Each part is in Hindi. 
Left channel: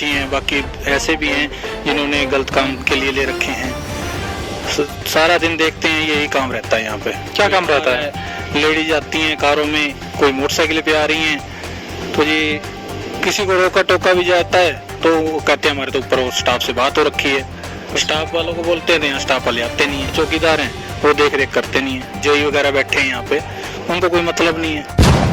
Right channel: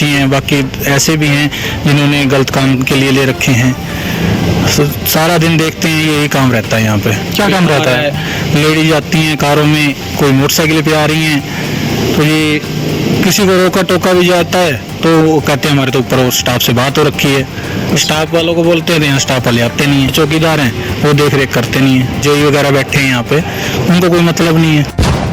अच्छी हैं, बाकी ऐसे भी हैं जिन्होंने गलत काम के लिए ले रखे हैं। सारा दिन देखते हैं यही काम रहता है यहाँ पे। क्या काम रहता है? लेडीज आती हैं कारों में, कोई मोटरसाइकिल पे आ रही हैं, तो ये किसी को रोका टोका भी जाता है तो वो कहते हैं हमारे तो ऊपर स्टाफ से बात हो रखी है। स्टाफ वालों को बोलते हैं, यहाँ स्टाफ वाले आते नहीं है, चौकीदार हैं वो देख रेख करते नहीं है, जेई वगैरह बैठे हैं यहाँ पे, उनको कोई मतलब नहीं है।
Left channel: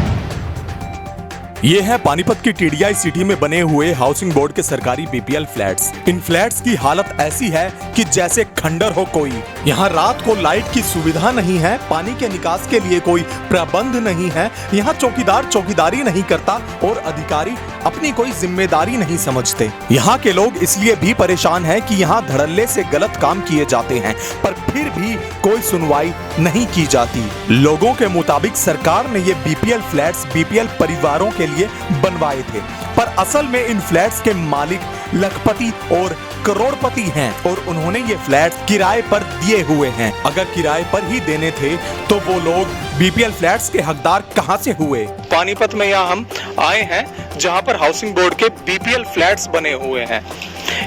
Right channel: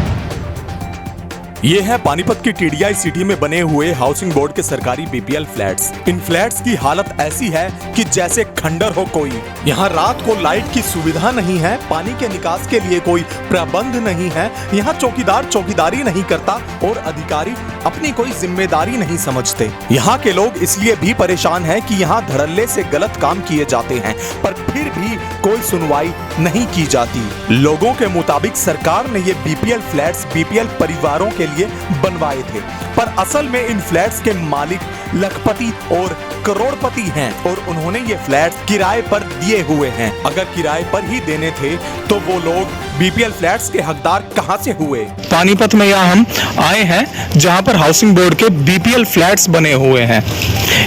ये है पानीपत की टीडीआई सिटी में बने हुए हाउसिंग बोर्ड के सरकारी बीपीएल फ्लैट्स। इन फ्लैट्स की हालत ऐसी है कि जैसे खंडर हो कोई। यहाँ रात को लाइट की सुविधा नहीं है, पानी के निकास के लिए कोई प्रबंध नहीं है, यहाँ चौकीदार चौकीदारी नहीं करता और अधिकारी अपनी कोई जिम्मेदारी नहीं समझते। यहाँ के लोग इसलिए भी परेशान हैं कि यहाँ धड़ल्ले से गलत काम किए जाते हैं, पर फिर भी कोई सुनवाई नहीं की जाती। लोगों के मुताबिक सरकार ने ये बीपीएल फ्लैट्स बीपीएल परिवारों के लिए बनवाए थे, पर असल में इन फ्लैट्स के मालिक लखपति और करोड़पति हैं और उन्होंने ये फ्लैट्स किराए पर दिए हुए हैं। अगर किराए पर ही देने थे तो वो लोग बीपीएल फ्लैट्स के हकदार कहां से हुए? पानीपत में यहाँ हम आए हैं जहां पर हाउसिंग बोर्ड के बीपीएल फ्लैट्स बने हुए हैं।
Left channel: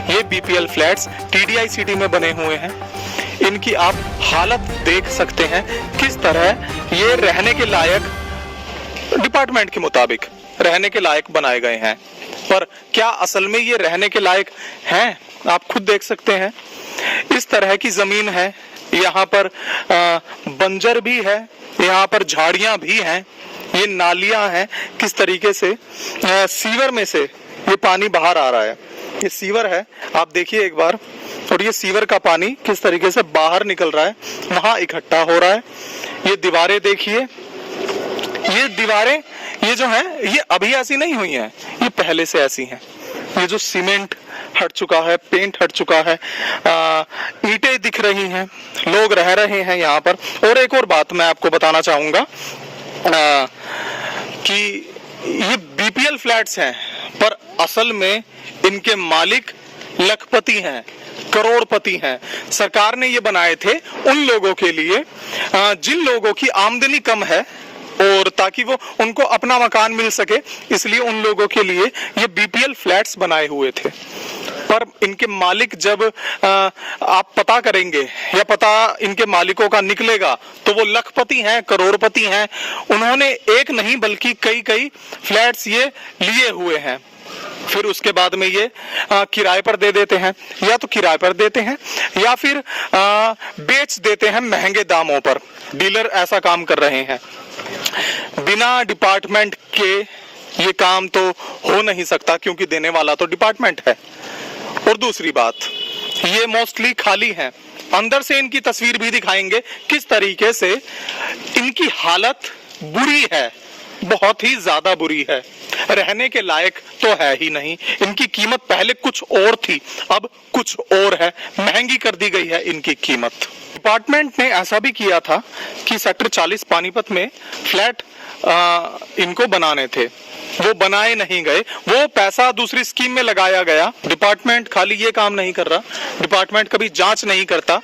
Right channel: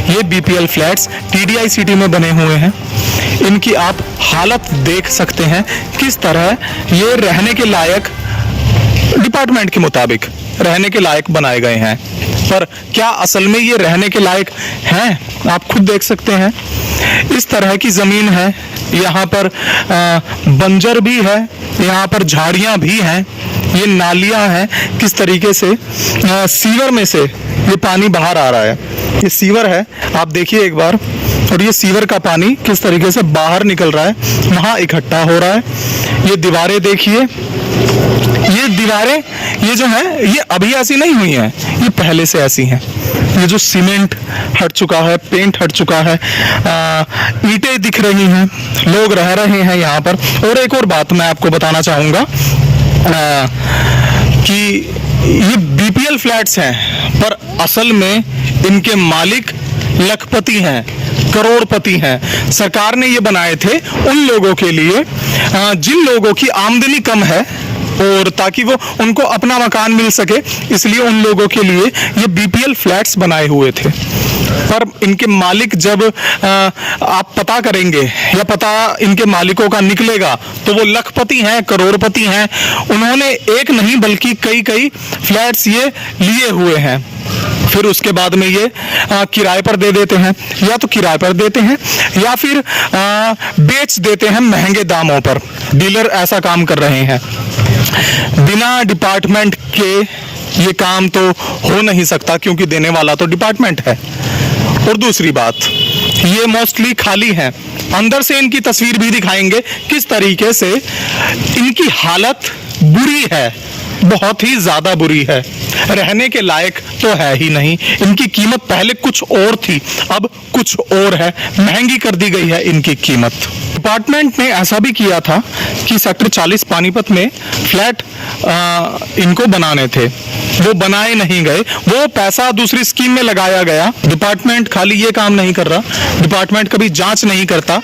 ये बीपीएल फ्लैट्स टीडीआई सिटी में बने हुए हैं। इनकी आप हालत देख सकते हैं किस तरह ये रहने के लायक, डिपार्टमेंट के मुताबिक रहने के लायक बनाए गए हैं, पर क्या असल में ये रहने के लायक हैं? आप खुद देख सकते हैं। इस तरह की जमीन है, यहाँ पर बंजर भी है, यहाँ पर झाड़ियाँ भी हैं, ये नालियाँ हैं, किस तरीके से सीवर में से ये पानी बाहर आ रहा है। ये सीवर है, आप देखिए एक बार, और ये सीवर का पानी किस तरीके से बाहर निकल रहा है, वहाँ इकट्ठा हो रहा है। ये दीवारें देखिए, ये दीवारें ये जो है ये अभी ऐसी नहीं हुई हैं, ये पहले से ऐसी हैं। ये जो सीमेंट हट चुका है, पेंट हट चुका है, ईंटें दिख रही हैं, लोग रह रहे हैं यहाँ पर। और एक और बात मैं आपको बताना चाहूँगा कि ये बीपीएल फ्लैट्स हैं, पर असल में इनके मालिक लखपति हैं, करोड़पति हैं। सरकार ने ये बनाए थे उन लोगों के लिए जिन लोगों की आमदनी कम है, और ताकि वो उनको अपना मकान मिल सके, इसलिए उन लोगों के लिए ये बीपीएल फ्लैट्स बनाए हुए थे। पर इनके मालिक जब आप पता करेंगे या पता इनके मालिकों का निकलेगा तो वो लखपति हैं, करोड़पति हैं। उन्होंने एक नहीं बल्कि कई फ्लैट्स ये लिए हुए हैं। फिर उसके बाद में ये किराए पर दे देते हैं, या तो किराए पर देते हैं या फिर बेच देते हैं महंगे दामों पर। डीलर ऐसा काम कर रहे हैं। बिना डिपार्टमेंट के ये काम तो हो नहीं सकता, क्योंकि देने वाला तो डिपार्टमेंट है। और दूसरी बात, ये मोस्टली खाली है। अंदर से इनकी तस्वीर भी दिखाएंगे किस तरीके से इनकी हालत बुरी है, बहुत ही ज्यादा बुरी है, रहने के लायक तो है ही नहीं। इनकी कीमत पहले कुछ और थी, अब कुछ और है, महंगी कर दी गई है इनकी कीमत। डिपार्टमेंट ने ऐसा भी किया था कि सेक्टर 40 पानीपत में फ्लैट इनको बनाने थे, वो बनाए नहीं गए, वो पैसा दूसरी स्कीम में लगाया गया। डिपार्टमेंट खाली ये काम नहीं कर रहा, डिपार्टमेंट कभी जांच नहीं करता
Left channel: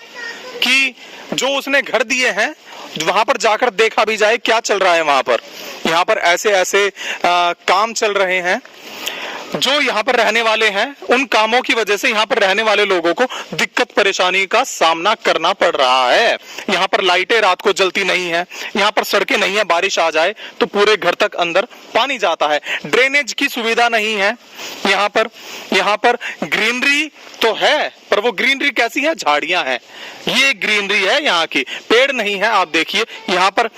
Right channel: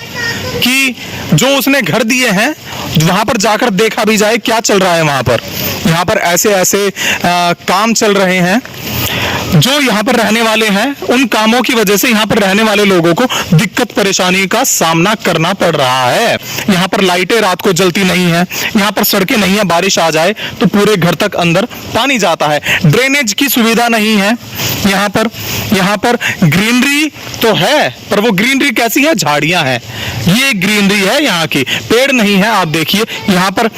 कि जो उसने घर दिए हैं वहां पर जाकर देखा भी जाए क्या चल रहा है वहां पर। यहाँ पर ऐसे काम चल रहे हैं जो यहाँ पर रहने वाले हैं, उन कामों की वजह से यहाँ पर रहने वाले लोगों को दिक्कत परेशानी का सामना करना पड़ रहा है। यहाँ पर लाइटें रात को जलती नहीं है, यहाँ पर सड़कें नहीं है, बारिश आ जाए तो पूरे घर तक अंदर पानी जाता है। ड्रेनेज की सुविधा नहीं है यहाँ पर ग्रीनरी तो है, पर वो ग्रीनरी कैसी है? झाड़ियां हैं, ये ग्रीनरी है यहाँ की, पेड़ नहीं है। आप देखिए यहाँ पर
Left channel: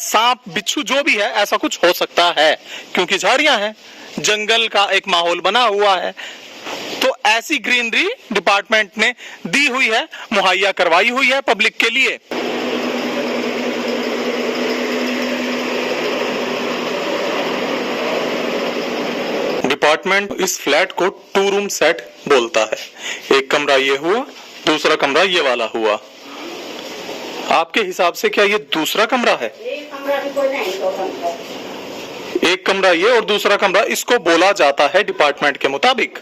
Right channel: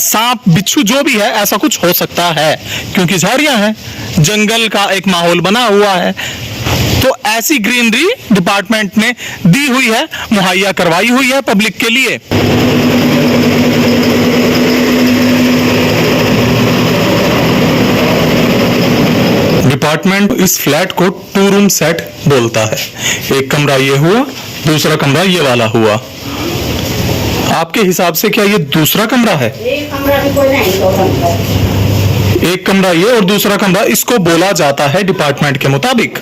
सांप बिच्छू जो भी है ऐसा कुछ हो सकता है, क्योंकि झाड़ियां हैं, जंगल का एक माहौल बना हुआ है। तो ऐसी ग्रीनरी डिपार्टमेंट ने दी हुई है, मुहैया करवाई हुई है पब्लिक के लिए। डिपार्टमेंट इस फ्लैट को 2 रूम सेट बोलता है। एक कमरा ये हुआ, दूसरा कमरा ये वाला हुआ। आपके हिसाब से क्या ये दूसरा कमरा है? एक कमरा भी कोई नहीं, 2 कमरा। एक कमरा ये और दूसरा कमरा इसको बोला जाता है डिपार्टमेंट के मुताबिक।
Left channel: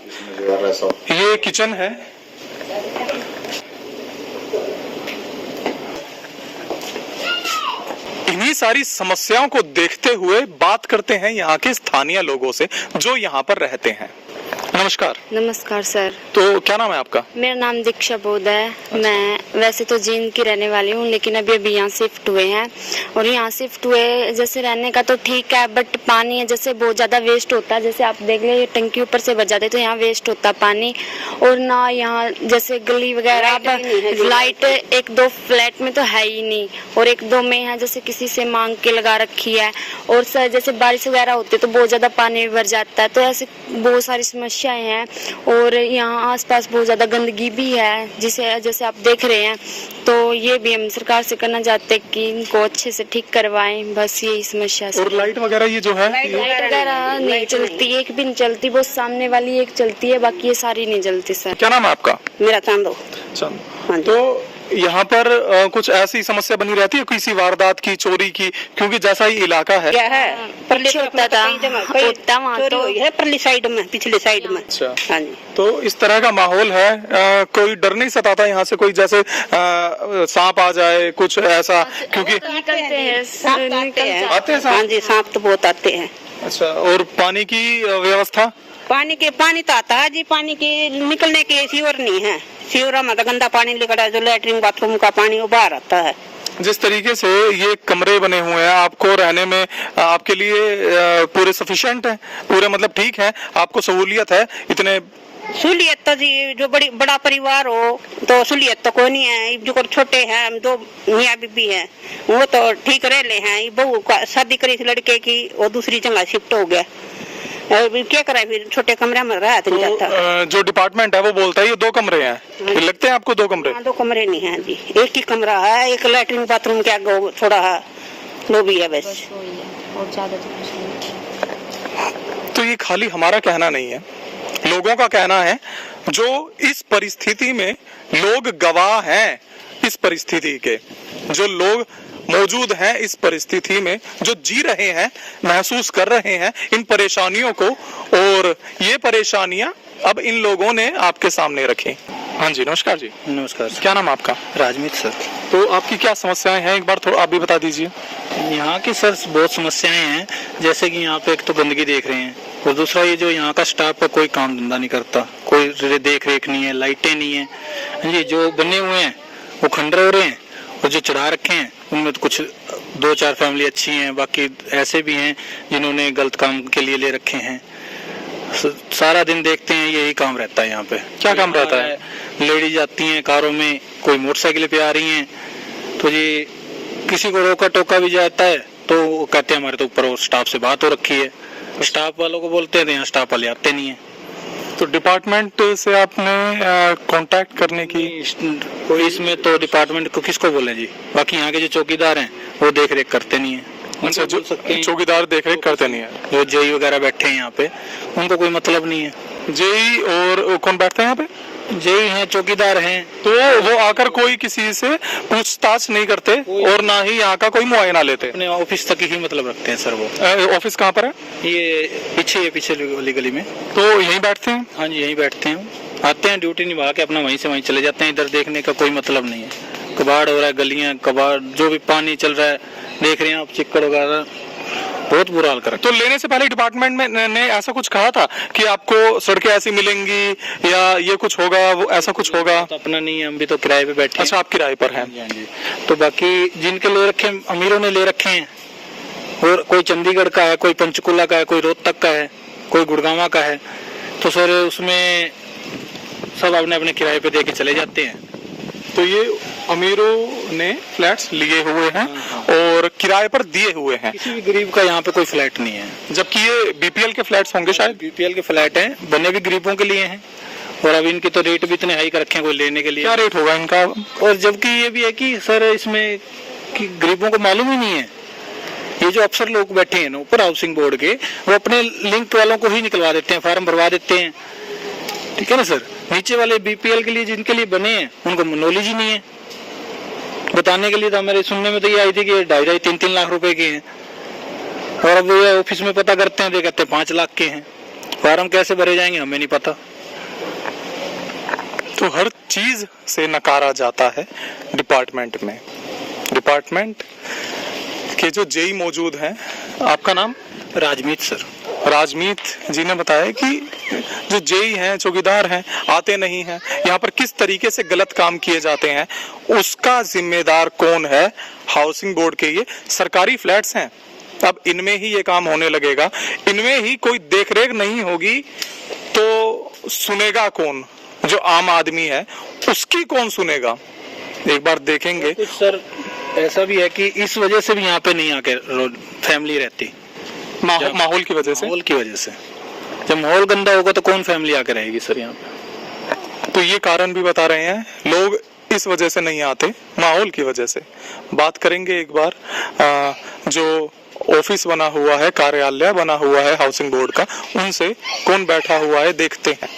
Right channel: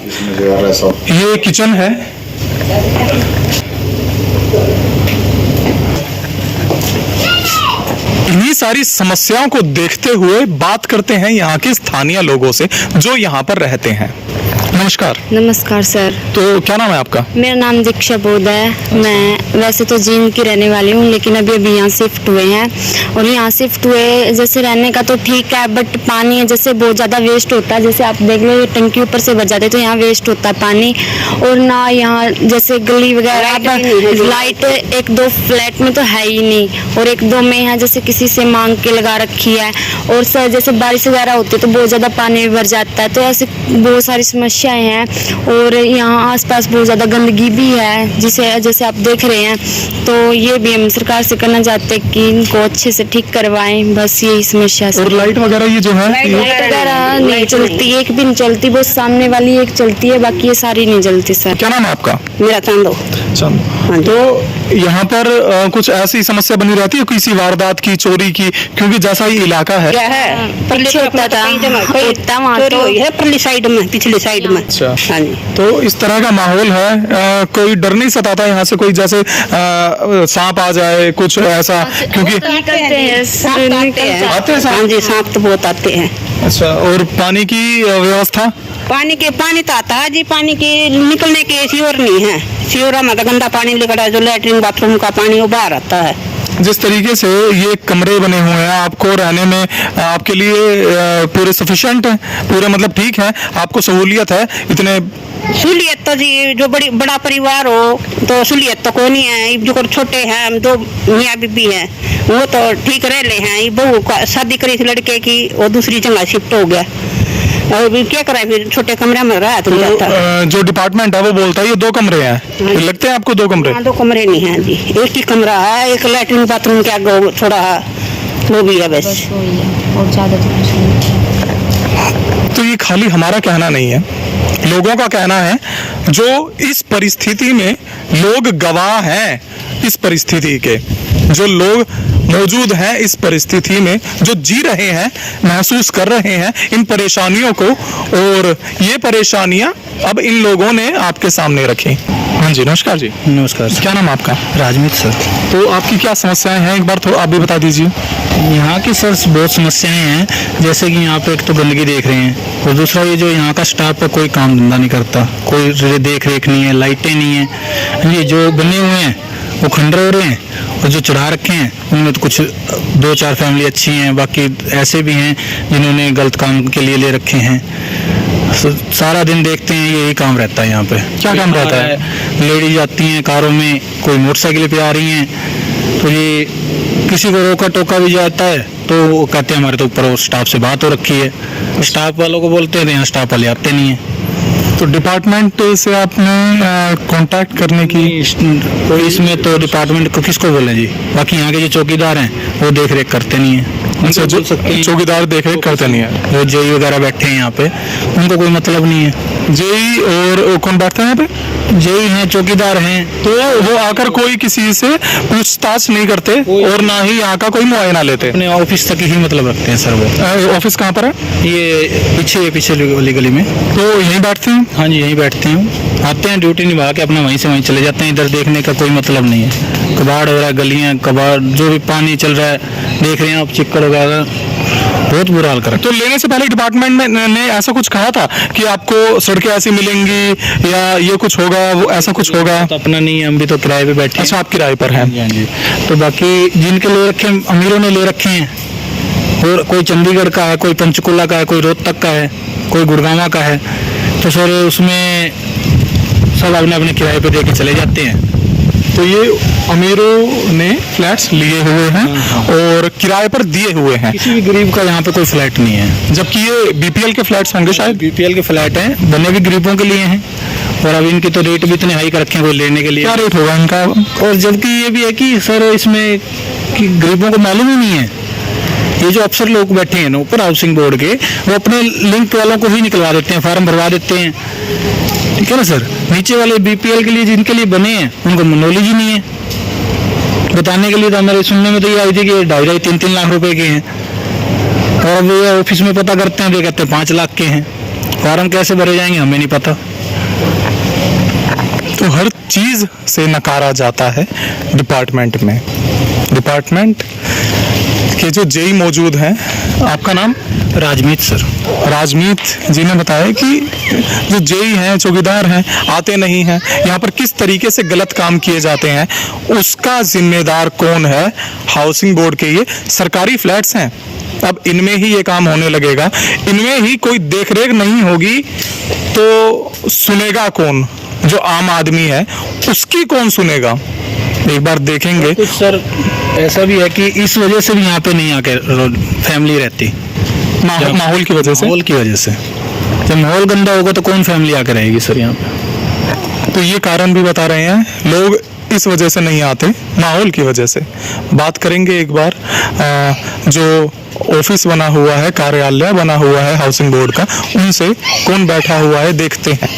ये किचन है, इन्हीं सारी समस्याओं को देखते हुए बात करते हैं यहाँ के स्थानीय लोगों से जो यहाँ पर रहते हैं। मैं नमस्कार। नमस्कार सर, तो क्या नाम है आपका? मेरा नाम दीक्षा बोध है। मैं वैसे तो जींद की रहने वाली हूँ, लेकिन अभी यहाँ शिफ्ट हुए हैं। और यहाँ शिफ्ट हुए जैसे रहने का तो ठीक है, बट पानी जैसे बहुत ज़्यादा वेस्ट होता है। जैसे आप देख लो, टंकी ऊपर से बच जाते हैं, तो यहाँ वेस्ट होता है पानी। और ना यहाँ जैसे गली वगैरह लाइट एक दो फ्लैट में तो है ही नहीं, और एक दो में यहाँ जैसे किसी से मांग के लगा रखी है। और सर जैसे बारिश वगैरह होती है तो बहुत ज़्यादा पानी भर जाता है, तो ऐसे बहुत सारी समस्याएं हैं। और यहाँ आसपास बहुत ज़्यादा गंदगी भी है, जिसे जैसे आप देख रहे हैं। तो ये भी हम सरकार से करना चाहते हैं कि इनको अच्छे से ठीक करवाएं, बस यही समस्या है। और लाइट वगैरह ये जो है लाइट वगैरह नहीं चलती, एक भी नहीं चलती, बस सामने वाली एक चलती है, बाकी ये सारी नहीं चलती सर। क्या नाम है आपका? मेरा चांदो। तो यहाँ पर कुछ ऐसी समस्या बनी रहती है किसी वारदात की, चोरी की, क्योंकि जैसा ही इलाका है। पीछे होता था, होता वहाँ तो है पिछली साइड में, पिछली साइड में। अच्छा, हाँ जी। तो इस तरह का माहौल है। कोई डर नहीं सताता यहाँ से कोई जैसे सांप आ जाए कुछ ऐसा? क्योंकि निकलते हैं सर, आते हैं सांप? हाँ जी, सांप तो बहुत आते हैं। अच्छा, और पानी की व्यवस्था? पानी तो आता है जी, पानी के निकलने के सियोर नहीं है। सियोरा में तो गंदा पानी निकला है, जो लैट्रिन बाथरूम का पानी वो बाहर आता है। जिस तरीके से ये कमरे बने हुए हैं, आपको रहने में आपके लिए पूरे सफिशिएंट है, पूरे मतलब ठीक है, आपको सहूलियत है? इतने सहूलियत तो जी, जो बड़ा परिवार हो तो सहूलियत तो कोई नहीं है। जो छोटे हैं, हम दो मियाँ बीबी हैं, वो तो ठीक रह ले हैं। ये बहू का शादी करी थी लड़के की, वो दूसरी जगह शिफ्ट हो गया। अभी क्या कराए, फिर छोटे कमरे में रहा तो जो डिपार्टमेंट है वो बोलता है ये 2 कमरे हैं। हाँ। लगते हैं आपको 2 कमरे? हाँ, 2 कमरे नहीं है जी, एक ही कमरा है। एक लैट्रिन बाथरूम के आगे थोड़ा है, वो भी है बस। और ज़्यादा तो कुछ नहीं। तो ये खाली हमारा कहना नहीं है, लोगों का कहना है, जो इस परिस्थिति में लोग गवाह हैं, इस परिस्थिति के जो लोग मौजूद हैं, इस परिस्थिति में जो जी रहे हैं, महसूस कर रहे हैं इन परेशानियों को। और ये परेशानियां अब इन लोगों ने आपके सामने रखी। हाँ जी, नमस्कार जी। नमस्कार सर। क्या नाम आपका? राजमीत सर। तो आपकी क्या समस्याएं हैं, एक बार थोड़ा आप भी बता दीजिए। यहाँ की सर बहुत समस्याएं हैं, जैसे कि यहाँ पे एक तो गंदगी देख रहे हैं, और दूसरा ये जो यहाँ का स्टाफ है कोई काम धंधा नहीं करता, कोई देख रेख नहीं है, लाइटें नहीं है। ये जो बने हुए हैं वो खंडर हो रहे हैं, और जो चढ़ा रखे हैं उनमें तो कुछ 2-4 फैमिली अच्छी हैं, बाकी ऐसे भी हैं जिन्होंने गलत काम के लिए ले रखे हैं। सारा दिन देखते हैं यही काम रहता है यहाँ पे। क्या काम रहता है? लेडीज आती हैं कारों में, कोई मोटरसाइकिल पे आ रही हैं, तो ये किसी को रोका टोका भी जाता है तो वो कहते हैं हमारे तो ऊपर स्टाफ से बात हो रखी है। स्टाफ वालों को बोलते हैं तो यहाँ स्टाफ वाले आते नहीं हैं। तो डिपार्टमेंट से आपने कांटेक्ट करने की? कोई इसमें तो डिपार्टमेंट को किसको बोले जी, बाकी यहाँ के जो चौकीदार हैं वो देख रेख करते नहीं है। अच्छा, जो चौकीदार देख रेख करते नहीं है, जो जेई वगैरह बैठे हैं यहाँ पे, उनको कोई मतलब नहीं है। जेई और कौन बैठते हैं यहाँ पे? जेई हैं, चौकीदार हैं, तो वो आकर कोई किसी से पूछताछ नहीं करते और ना ही यहाँ का कोई मुआयना लेते? अपने ऑफिस तक ही मतलब रखते हैं सर वो। ऑफिस कहाँ पर है? ये पीछे वाली गली में। तो यहीं बैठते हैं? हाँ जी, यहीं बैठते हैं, आते हैं ड्यूटी निभा के अपना वहीं से वहीं चले जाते हैं। इधर देखने का कोई मतलब नहीं है। कबाड़ हो रहा है, गलियाँ कबाड़, जो भी पानी चल रहा है देख रहे हैं आप, चिक्कड़ वगैरह, बहुत बुरा हाल करा। तो लेने से पहले डिपार्टमेंट ने ऐसा कुछ कहा था कि आपको सड़कें ऐसी मिलेंगी या ये कुछ होगा, वो ऐसा कुछ होगा? तो अपना नहीं है, हम भी तो किराए पे बैठे हैं। अच्छा, आप किराए पर हैं? हाँ जी। तो बाकी जिनके ले रखे हैं, अमीरों ने ले रखे हैं, और कोई चंडीगढ़ का है, कोई पंचकुला का है, कोई रोहतक का है, कोई गुड़गांव का है, तो सर उसमें सब अपने अपने किराए पे दे के चले जाते हैं। तो ये अमीरों ने फ्लैट्स लिए हुए हैं और किराए पर दिए हुए हैं। किसी भी गरीब का यहाँ पे कोई फ्लैट नहीं है, जबकि ये बीपीएल के फ्लैट्स होंगे शायद? बीपीएल के फ्लैट हैं, बने भी गरीबों के लिए हैं, और अब इनके तो रेट भी इतने हाई कर रखे हैं कोई लेने के लिए। क्या रेट होगा इनका? और जबकि ये भी है कि सर इसमें कि गरीबों को मालूम ही नहीं है। ये जो अफसर लोग बैठे हैं ना ऊपर हाउसिंग बोर्ड के, वो अपने लिंक वालों को ही निकलवा देते हैं, फॉर्म भरवा देते हैं, ठीक है ना सर। नीचे वाले बीपीएल के लिए जिनके लिए बने हैं उनको नॉलेज ही नहीं है। बताने के लिए तो हमारे सुनने में तो ये आई थी कि 2.5-3 लाख रुपए के हैं, और अब ये ऑफिस में पता करते हैं तो कहते हैं 5 लाख के हैं। फॉर्म कैसे भरे जाएंगे हमें नहीं पता। तो हर चीज से नकारा जाता है डिपार्टमेंट में। डिपार्टमेंट कि जो जेई मौजूद हैं, आपका नाम? राजमीत सर। राजमीत जी ने बताया कि जो जेई हैं, चौकीदार हैं, आते नहीं हैं, यहाँ पर किस तरीके से गलत काम किए जाते हैं, उसका जिम्मेदार कौन है? हाउसिंग बोर्ड के ये सरकारी फ्लैट्स हैं, अब इनमें ही ये काम होने लगेगा, इनमें ही कोई देखरेख नहीं होगी तो सुनेगा कौन? जो आम आदमी है उसकी कौन सुनेगा? एक बार देखेंगे। कुछ सर ऐसा भी है कि इस वजह से भी यहाँ पे नहीं आके फैमिली रहती, माहौल की वजह से। माहौल की वजह से। जब माहौल गंदा होगा तो कौन फैमिली आके रहेगी सर यहाँ पे? तो ये कारण भी बता रहे हैं लोग इस वजह से नहीं आते, माहौल की वजह से। बात करेंगे एक बार जो ऑफिस बना हुआ है, कार्यालय बना हुआ है हाउसिंग बोर्ड का, उनसे कौन बैठा हुआ है देखते हैं।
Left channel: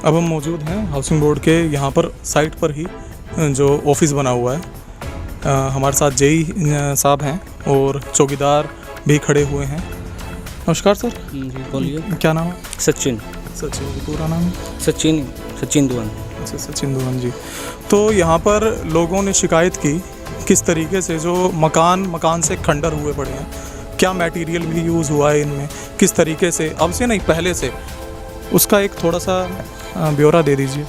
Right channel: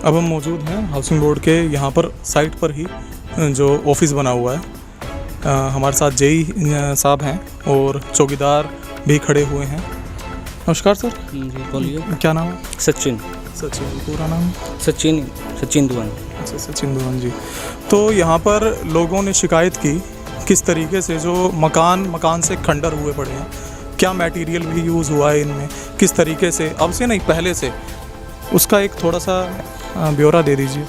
अब हम मौजूद हैं हाउसिंग बोर्ड के यहाँ पर साइट पर ही जो ऑफिस बना हुआ है। हमारे साथ जेई साहब हैं और चौकीदार भी खड़े हुए हैं। नमस्कार सर। जी बोलिए। क्या नाम है? सचिन। सचिन, पूरा नाम? सचिन दुआन। अच्छा, सचिन दुआन जी। तो यहाँ पर लोगों ने शिकायत की किस तरीके से जो मकान से खंडर हुए पड़े हैं, क्या मटेरियल भी यूज़ हुआ है इनमें, किस तरीके से, अब से नहीं पहले से, उसका एक थोड़ा सा ब्यौरा दे दीजिए।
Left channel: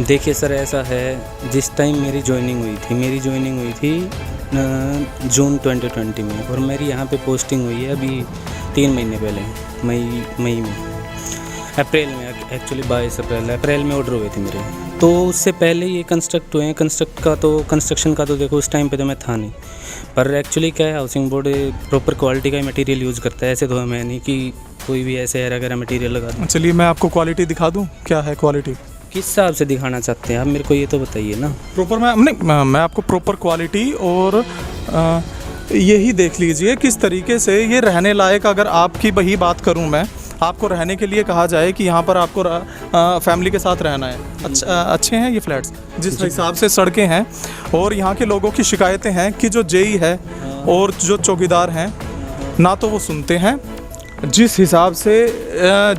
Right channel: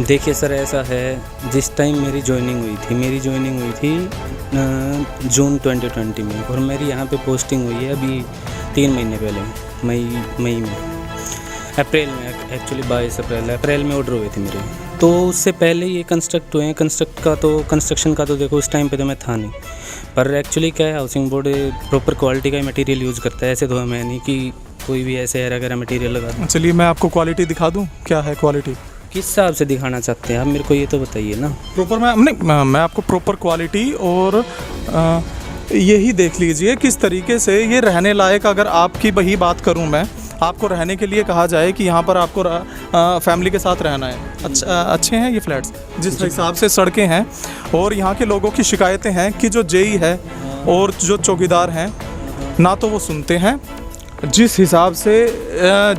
देखिए सर, ऐसा है, जिस टाइम मेरी ज्वाइनिंग हुई थी जून 2020 में, और मेरी यहाँ पे पोस्टिंग हुई है अभी 3 महीने पहले, मई में, अप्रैल में, एक्चुअली 22 अप्रैल में ऑर्डर हुए थे मेरे। तो उससे पहले ये कंस्ट्रक्ट हुए हैं। कंस्ट्रक्शन का तो देखो उस टाइम पे तो मैं था नहीं, पर एक्चुअली क्या है, हाउसिंग बोर्ड प्रॉपर क्वालिटी का मटेरियल यूज़ करता है। ऐसे तो मैं नहीं कि कोई भी ऐसे वगैरह मटेरियल लगा दूँ। चलिए मैं आपको क्वालिटी दिखा दूँ, क्या है क्वालिटी? किस हिसाब से दिखाना चाहते हैं आप मेरे को, ये तो बताइए ना। प्रॉपर मैं आपको प्रॉपर क्वालिटी और यही देख लीजिए किस तरीके से ये रहने लायक। अगर आपकी वही बात करूं मैं, आपको रहने के लिए कहा जाए कि यहाँ पर आपको फैमिली के साथ रहना है, अच्छे हैं ये फ्लैट्स जिस हिसाब से सड़कें हैं, और यहाँ के लोगों की शिकायतें हैं कि जो जेई है और जो चौकीदार हैं ना तो वो सुनते हैं, जिस हिसाब से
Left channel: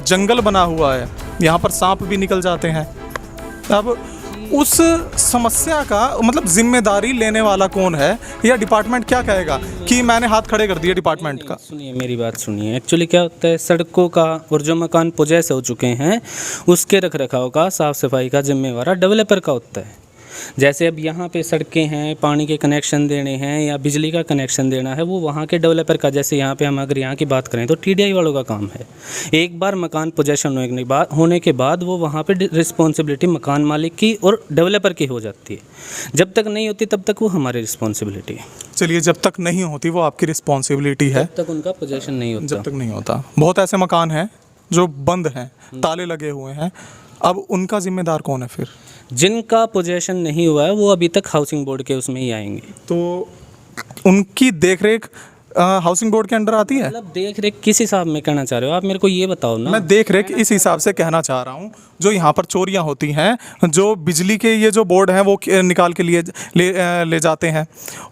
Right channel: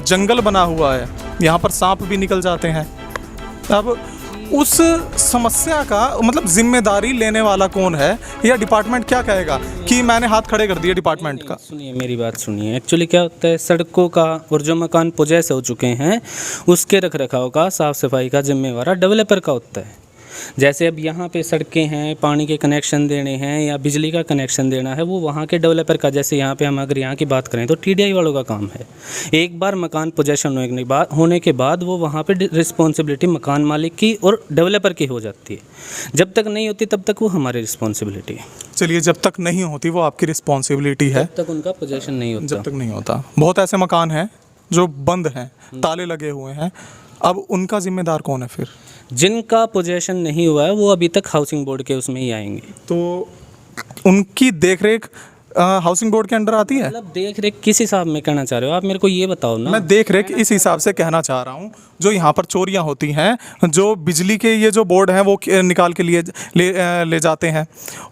जंगल बना हुआ है, यहाँ पर सांप भी निकल जाते हैं। अब उस समस्या का मतलब जिम्मेदारी लेने वाला कौन है, या डिपार्टमेंट क्या कहेगा कि मैंने हाथ खड़े कर दिए डिपार्टमेंट का? सुनिए मेरी बात सुनिए। एक्चुअली क्या होता है, सड़कों का और जो मकान पोजेस हो चुके हैं उसके रख रखाव का, साफ़ सफाई का जिम्मेवार डेवलपर का होता है। जैसे अब यहाँ पे सड़कें हैं, पानी के कनेक्शन देने हैं या बिजली का कनेक्शन देना है, वो वहाँ के डेवलपर का। जैसे यहाँ पे हम अगर यहाँ की बात करें तो TDI वालों का काम है। एक बार मकान पोजेशन होने के बाद वो वहाँ पे रिस्पॉन्सिबिलिटी मकान मालिक की और डेवलपर की हो जाती है। जब तक नहीं होती तब तक वो हमारी रिस्पॉन्सिबिलिटी है। चलिए, जब तक नहीं होती वो आपकी रिस्पॉन्सिबिलिटी है, जब तक उनका पोजेशन नहीं होता। जब तक नहीं होता। बहुत ऐसे मकान हैं जो बंद हैं, ताले लगे हुए हैं, अब उनका जिम्मेदार कौन है फिर? जिनका पोजेशन नहीं हुआ है वो अभी तक हाउसिंग बोर्ड के उसमें ही आएंगे। तो उनकी देखरेख हाउसिंग बोर्ड के अंडर आती है? मतलब देख रेख किस हिसाब में कहना चाह रहे हो आप, मेरे को ये बताओ ना। मैं देख रेख इस हिसाब से कहना चाह रहा हूँ, जो यहाँ पर चोरियाँ होती हैं, जो बिजली के ये जो बोर्ड हैं वो निकाल के ले जाते हैं,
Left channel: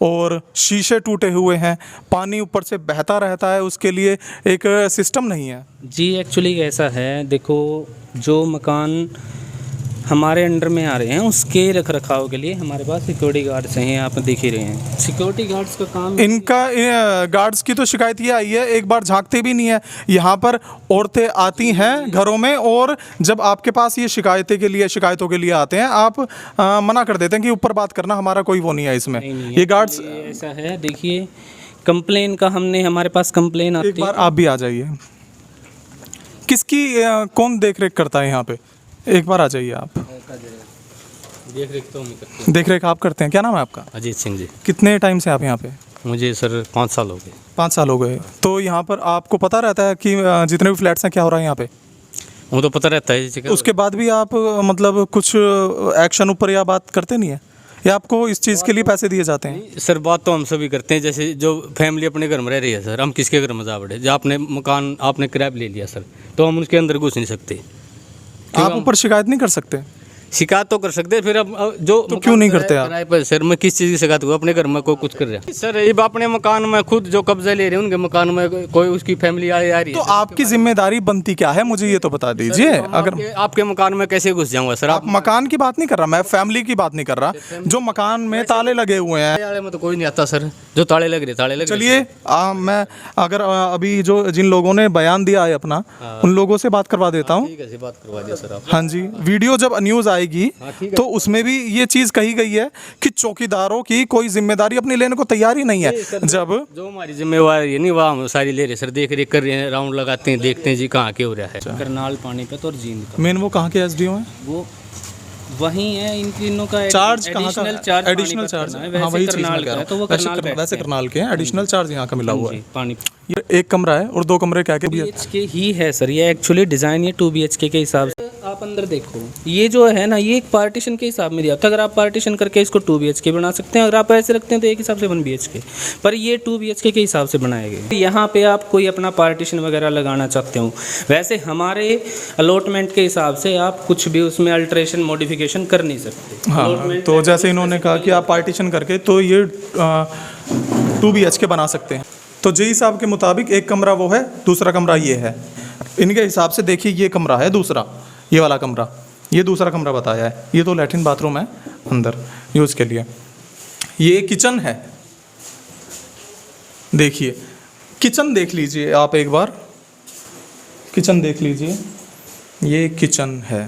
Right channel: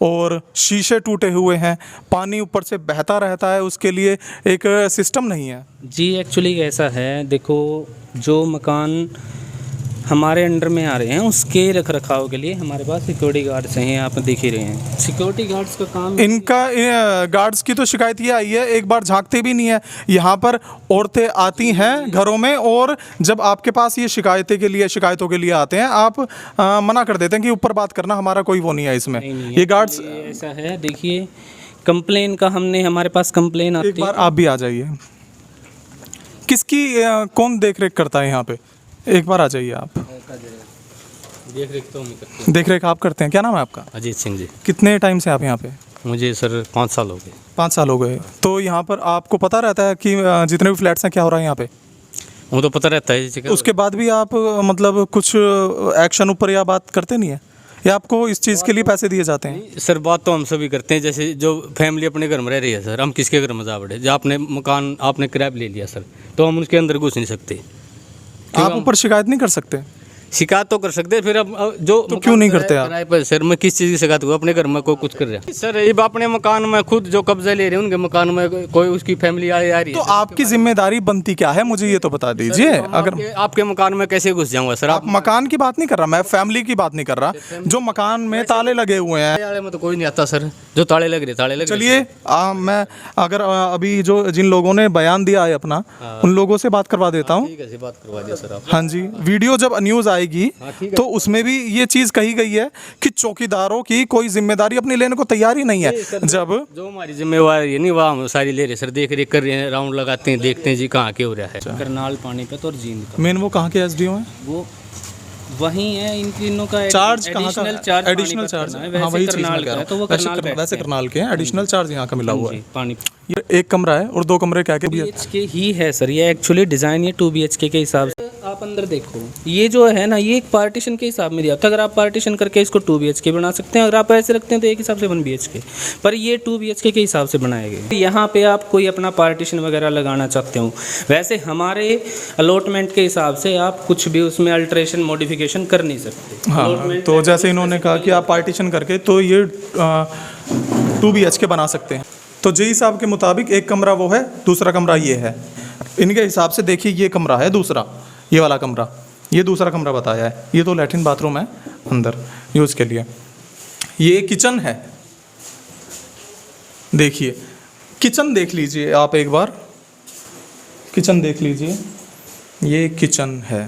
और शीशे टूटे हुए हैं, पानी ऊपर से बहता रहता है, उसके लिए एक सिस्टम नहीं है। जी एक्चुअली ऐसा है, देखो जो मकान हमारे अंडर में आ रहे हैं उसके रख रखाव के लिए हमारे पास सिक्योरिटी गार्ड्स हैं, आप देख ही रहे हैं। सिक्योरिटी गार्ड्स का काम, इनका गार्ड्स की तो शिकायत ये आई है, एक बार झांकते भी नहीं है। यहाँ पर औरतें आती हैं घरों में, और जब आपके पास ये शिकायतों के लिए आते हैं, आप मना कर देते हैं कि ऊपर बात करना, हमारा कोई वो नहीं है इसमें। ये गार्ड्स ऐसा है, देखिए कंप्लेन का हमारे पास कंप्लेन आती है। एक बार आप भी आ जाइए। किसकी कौन देख रेख करता है यहाँ पे? एक बार आ जाइए आप। देख रेख तो हम करते हैं। देख रेख आप करते हैं? क्या नाम है आपका? अजीत सिंह जी। कितने टाइम से आप यहाँ पे? मुझे सर 5 साल हो गए। 5 साल हो गए। तो यहाँ पर आपको पता रहता है कि जितने भी फ्लैट्स हैं क्या हो रहा है यहाँ पे? वो तो पता रहता है। उसके बाद भी आप मतलब कुछ एक्शन ऊपर या बात करते नहीं है, या आपको इस चीज़ के लिए पैसे दिए जाते हैं? सर बात तो हम सभी करते हैं। जैसे जो फैमिली अपने घर में रह रही है सर, हम किसके घर में जा पड़े? जो आपने मकान आपने किराए ले लिया सर, तो हम उसके अंदर घुस नहीं सकते। आप ऊपर शिकायत नहीं कर सकते? शिकायत तो कर सकते हैं, फिर अब जो तो क्यों नहीं करते आप? किराए पर सर मैं किस चीज़ की शिकायत हुआ? अपने घर में कोई कुछ कर रहा है सर, अब अपने मकान में खुद जो कब्जा ले रहे हैं उनके मकान में कोई उसकी फैमिली आ रही तो है। आपकी जिम्मेदारी बनती क्या है, मुझे ये तो बता दीजिए। अगर आपके मकान में कैसे घुस जाऊंगा सर? आप मकान की बात नहीं कर रहा, मैं फैमिली की बात नहीं कर रहा, जो मकान में ताले लगे हुए हैं। ताले में तो कोई नहीं आता सर, जो ताले लग रहे चलिए मैं अगर अभी जो जिन लोगों ने बयान दिया है अपना, उन लोगों से बात करवा देता हूँ। कैसे बात करवा दिया सर आप? हाँ जी, वीडियो जब न्यूज़ आएगी तो उसमें भी ये चीज़ कही गई है कि चौकीदारों की कोई जिम्मेदारी अपनी लेने को तैयार ही नहीं है। जब जो हमारी जिम्मेवारी नहीं वह हम सारी ले रहे सर, देख रेख कर रहे हैं, राउंड लगाते हैं, देखते हैं जी कहाँ के हो रहा है। करनाल पानीपत और जींद का मेन वो कहाँ के एसडीओ हैं? वो वही है, इन तीनों का चार्ज कहाँ का? एडिशनल चार्ज हाँ वही चीज़ मैं कह रहा हूँ। वैसे करनाल के हैं, एडिशनल चार्ज यहाँ का मिला हुआ है। पानी ये एक कमरा है और 2 कमरे क्या के भी है? BHK ही है सर, ये एक्चुअली डिज़ाइन ये 2 BHK के हिसाब से। आप अंदर देखो, ये जो है ना ये एक पार्टीशन के हिसाब में दिया था। अगर आप पार्टीशन करके इसको 2 BHK बना सकते हैं, अगर आप ऐसे रखते हैं तो एक हिसाब से 1 BHK, पर ये 2 BHK के हिसाब से बनाए गए। यहाँ पे आप कोई अपना पार्टीशन वगैरह लगाना चाहते हो, वैसे हमारे अलॉटमेंट के हिसाब से आप कुछ भी उसमें अल्ट्रेशन मॉडिफिकेशन कर नहीं सकते। हाँ, तो जैसे इन्होंने कहा कि आप पार्टीशन करके तो ये 2 BHK बना सकते हैं। तो जेई साहब के मुताबिक एक कमरा वो है, दूसरा कमरा ये है। इनके हिसाब से देखिए ये कमरा है दूसरा, ये वाला कमरा, ये दूसरा कमरा बताया है। ये तो लैट्रिन बाथरूम है अंदर यूज़ के लिए। ये किचन है, देखिए किचन देख लीजिए आप एक बार, किचन देख लीजिए, ये किचन है।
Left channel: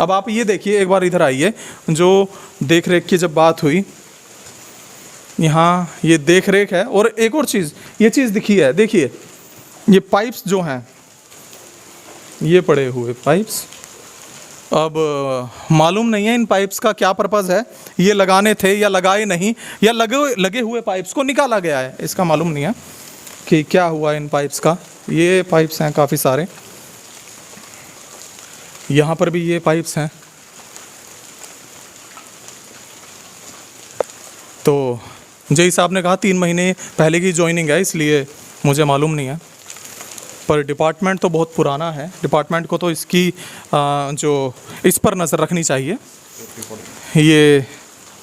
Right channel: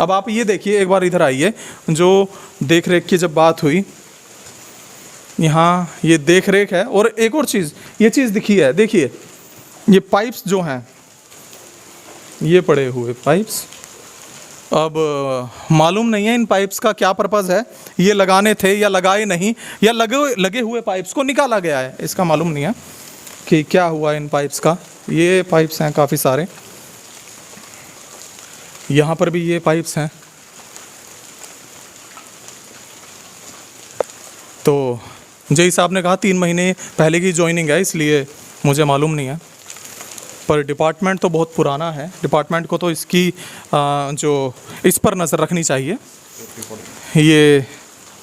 अब आप ये देखिए एक बार, इधर आइए। जो देख रेख की जब बात हुई, यहाँ ये देख रेख है। और एक और चीज़, ये चीज़ दिखी है, देखिए ये पाइप्स जो हैं, ये पड़े हुए पाइप्स। अब मालूम नहीं है इन पाइप्स का क्या पर्पज़ है, ये लगाने थे या लगाए नहीं, या लगे हुए पाइप्स को निकाला गया है, इसका मालूम नहीं है कि क्या हुआ इन पाइप्स का। ये पाइप्स हैं काफ़ी सारे, यहाँ पर भी ये पाइप्स हैं। तो जेई साहब ने कहा 3 महीने पहले की ज्वाइनिंग है, इसलिए मुझे मालूम नहीं है, पर डिपार्टमेंट तो बहुत पुराना है। डिपार्टमेंट को तो इसकी जो इस पर नज़र रखनी चाहिए। ये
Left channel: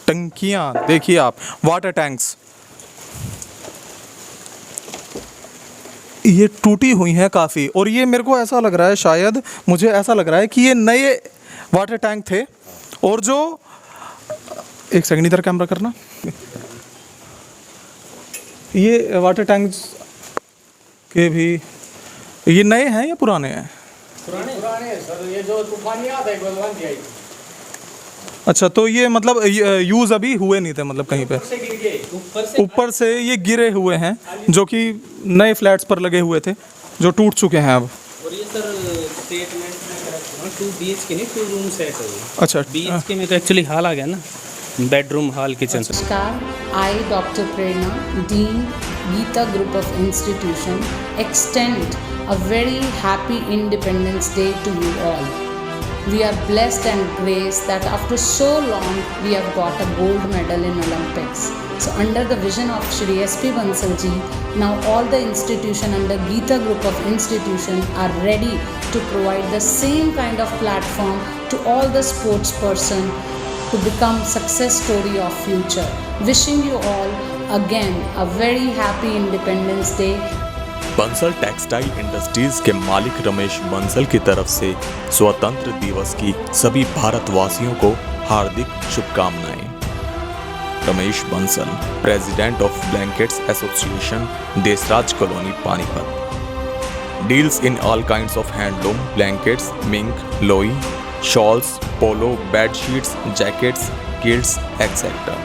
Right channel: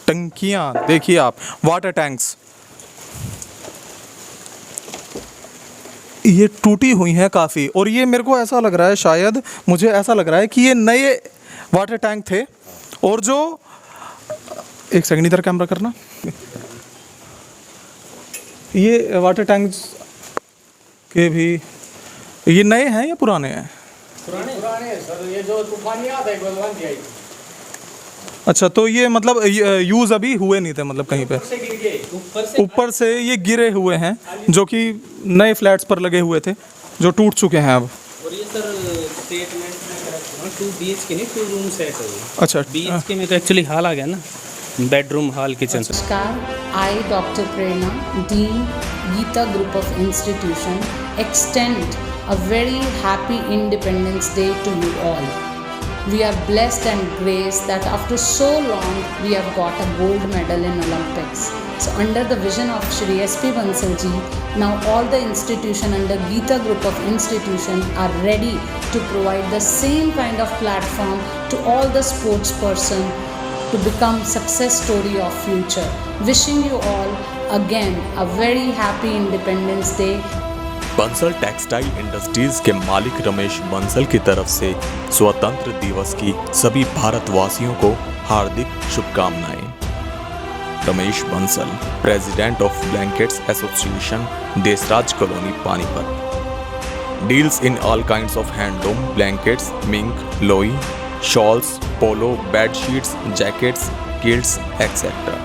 टंकियाँ देखिए आप, वाटर टैंक्स ये टूटी हुई हैं काफ़ी। और ये मेरे को ऐसा लग रहा है, शायद मुझे ऐसा लग रहा है कि ये नए वाटर टैंक थे। और जो एक सेकंड इधर कैमरा करना, ये वाटर टैंक्स के भी ये नए हैं या पुराने हैं? पुराने हैं सर, ये जो तूफानी आता है गोलवान की। अच्छा, तो ये मतलब यूज़ अभी हुए नहीं थे, मतलब कहीं पे ऊपर से ये गिरे हुए हैं, जो कि नए फ्लैट्स पर लगे हुए थे, जो टूट चुके हैं अब। और ये सर स्टेटमेंट में 2 BHK नहीं 2 रूम सेट है। अच्छा, BHK में तो एक्चुअली हॉल आ गया ना, bedroom hall kitchen. Namaskar, I, Dr. Prerna, Dean, Geeta Group of Institution, extend a very happy Independence Day to you all. We are blessed and graced that after so long we have got a gold medal in Olympics. So under the vision of Shri SP Bansal ji, now all the institution under Geeta Group of Institution are ready to provide the same kind of platform to all the sports person to become success story of future. Wishing you all again a very happy Independence Day. Bansal textile industries के मालिक रमेश बंसल की तरफ से स्वतंत्र दिवस की सभी भारतवासियों को हार्दिक शुभकामनाएं। Ramesh Bansal, president of blankets association, Desraj colony, Panipat. Deals in all kinds of handloom, blankets, mink, लोई, शॉल्स, पोलो, बेड शीट्स, जैकेट्स, किल्ट्स, एक्सेट्रा।